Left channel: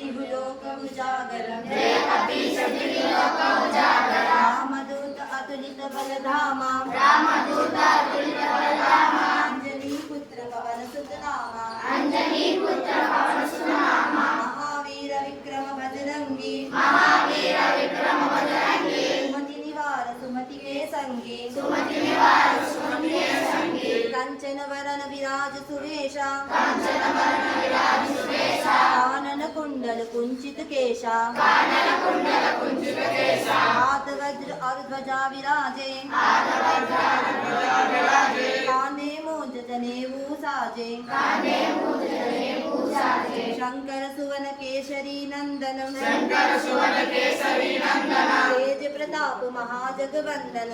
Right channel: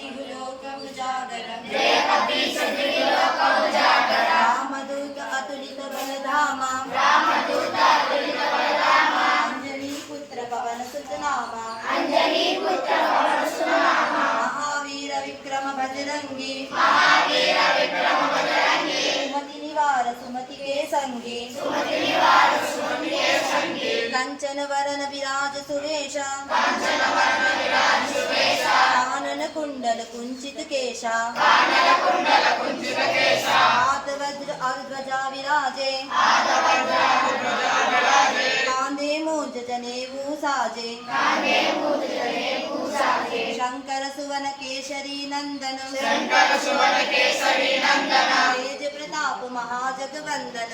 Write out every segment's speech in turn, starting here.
लोकमुजागरम् रामदूत अतुलित बलधामा अंजनी पुत्र पवन सुत नामा महावीर विक्रम बजरंगी सुमति निवार सुमति के संगी कंचन वरन विराज सुवेशा कानन कुंडल कुंचित केशा हाथ वज्र ध्वजा विराजे कांधे मूंज जनेऊ साजे शंकर सुवन केसरी नंदन तेज प्रताप महाजगवंदन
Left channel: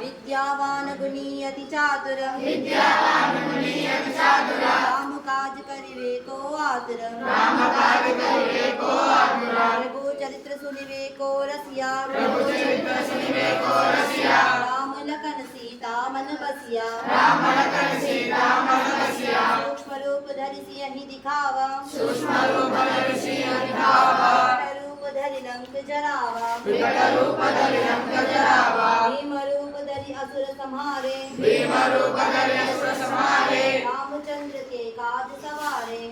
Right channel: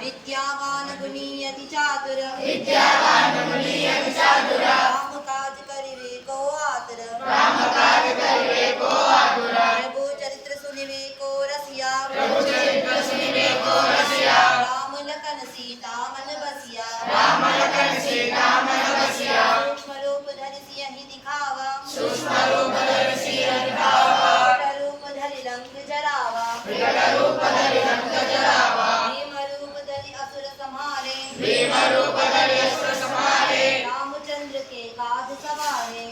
विद्यावान गुणी अति चातुर राम काज करिवे को आतुर प्रभु चरित्र सुनिवे को रसिया राम लखन सीता मन बसिया सूक्ष्म रूप धरि सियहि दिखावा रूप धरि लंक जरावा भीम रूप धरि असुर संहारे रामचंद्र के काज सवारे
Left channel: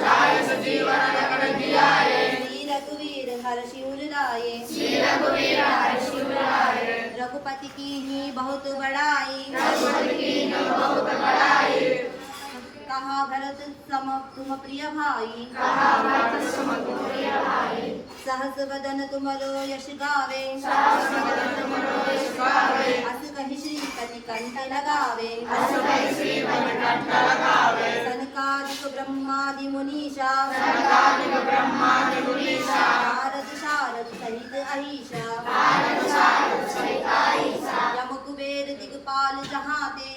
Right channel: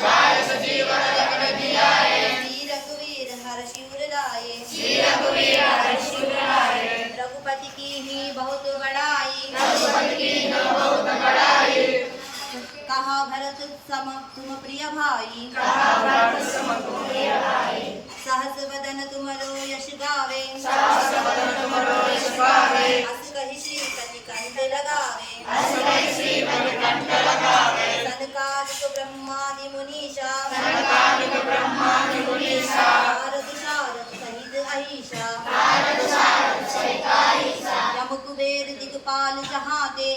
राय सजीवन लखन जियाए श्री रघुवीर हर्षि उर लाए रघुपति की ही बहुत बड़ाई कहा भरत सम तुम प्रिय भाई सहस वदन तुमरो यश गावे अस कहि श्रीपति कंठ लगावे सनकादिक ब्रह्मादि मुनीषा नारद शारद सहित अहिषा यम कुबेर दिगपाल जहाते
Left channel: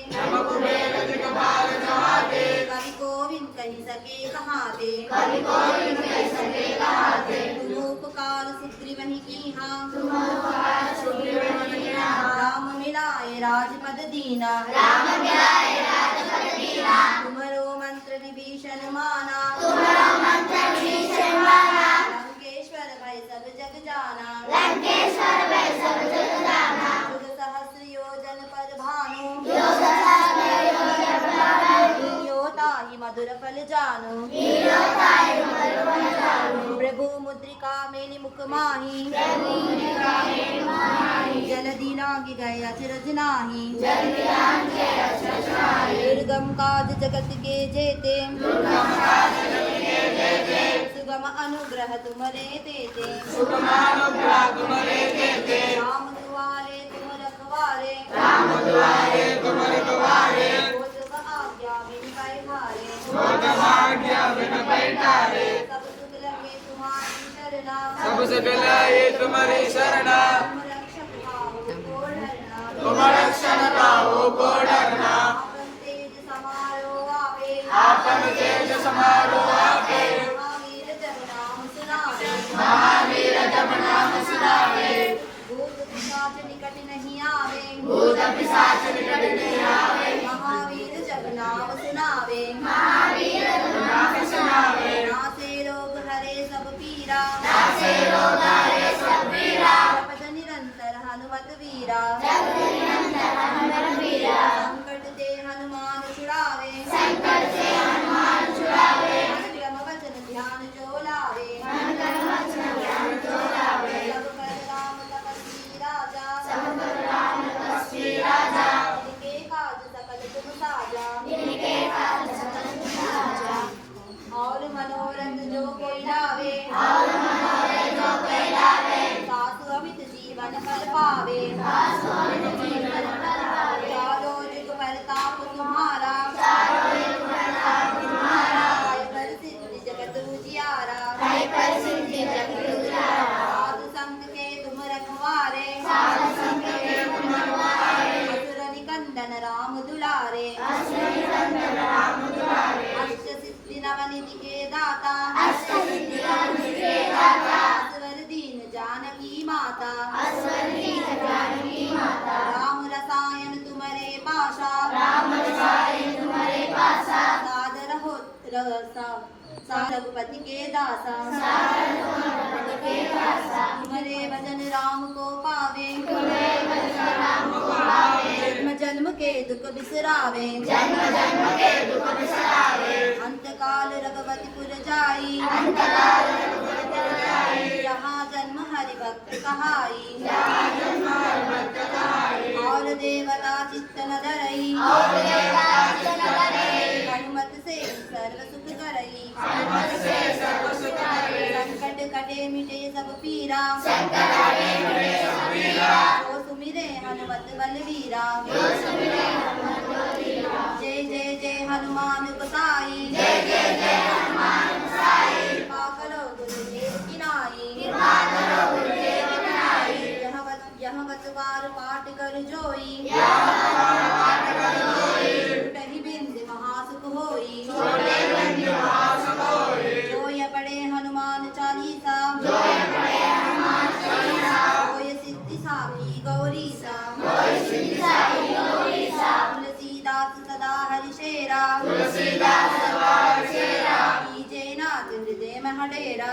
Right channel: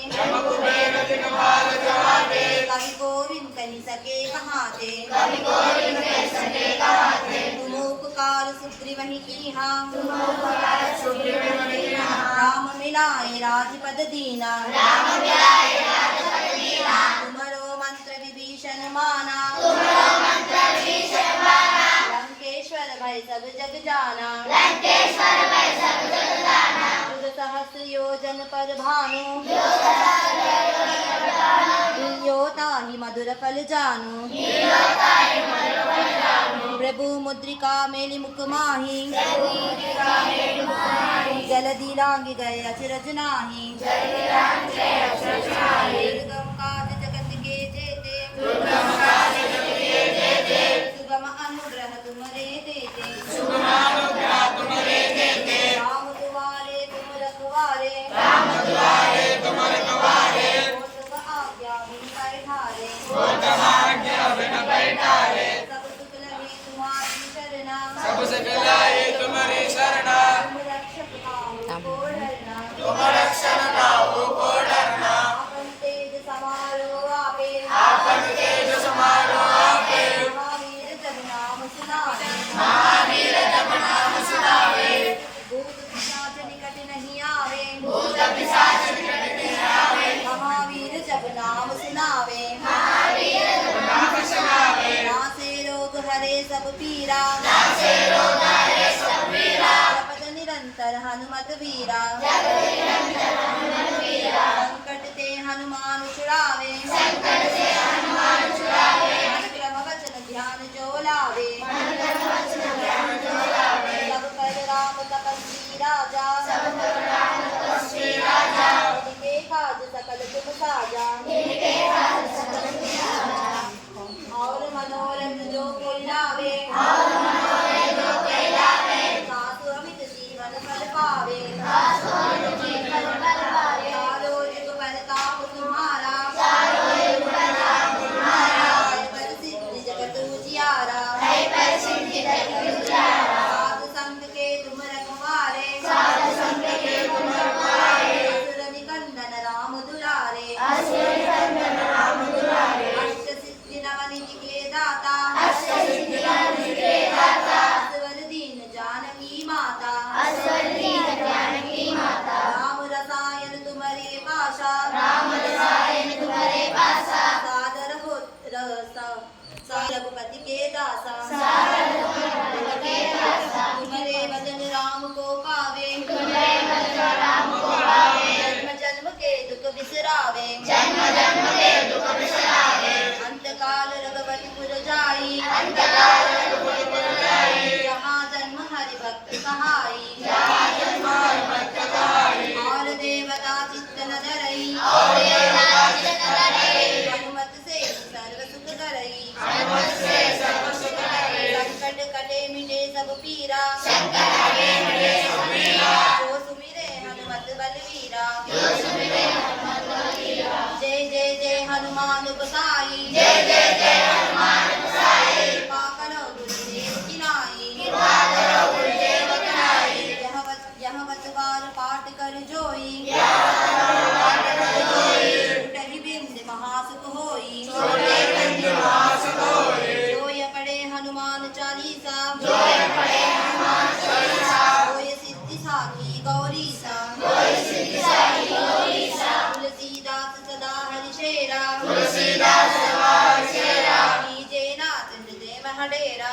कवि गोविंद कहि सके कहाते तुम उपकार सुग्रीवहि कीन्हा राम मिलाए राजपद दीना तुमरो मंत्र विभीषण माना लंकेश्वर भय सब जग जाना युग सहस्र योजन पर भानु योताहि मधुर फल जानू प्रभु मुद्रिका मेलि मुख माही जलधि लांघि गए अचरज नाही दुर्गम काज जगत के जेते सुगम अनुग्रह तुमरे देते राम दुआरे तुम रखवारे आज्ञा बिन बैठारे सब सुख लहे तुम्हारी शरणा तुम रक्षण गाओ को डरना आपन तेज समारो आपे महावीर जब नाम सुनावे भूत पिशाच निकट नहीं आवे महावीर जब नाम सुनावे नासे रोग हरे सब पीरा जपत निरंतर हनुमत वीरा रघुपति के दासा तुम्हारे भजन राम को पावे जन्म जन्म के दुख बिसरावे अंतकाल रघुपतिपुर जाई जहाँ जन्म हरि भक्त कहाई और देवता चित्त न धरई हनुमत से सर्व सुख करई संकट कटे मिटे सब पीरा जो सुमिरे हनुमत बलवीरा जय जय जय हनुमान गोसाई कृपा करो गुरुदेव की नाई यह बतवार पाठ कर जोई टही बिंद महासुख होई जोय पढ़े हनुमान चालीसा होय सिद्धि साखी गौरीसा तुलसीदास सदा हरिशेरा कीजे नाथ हृदय महडेरा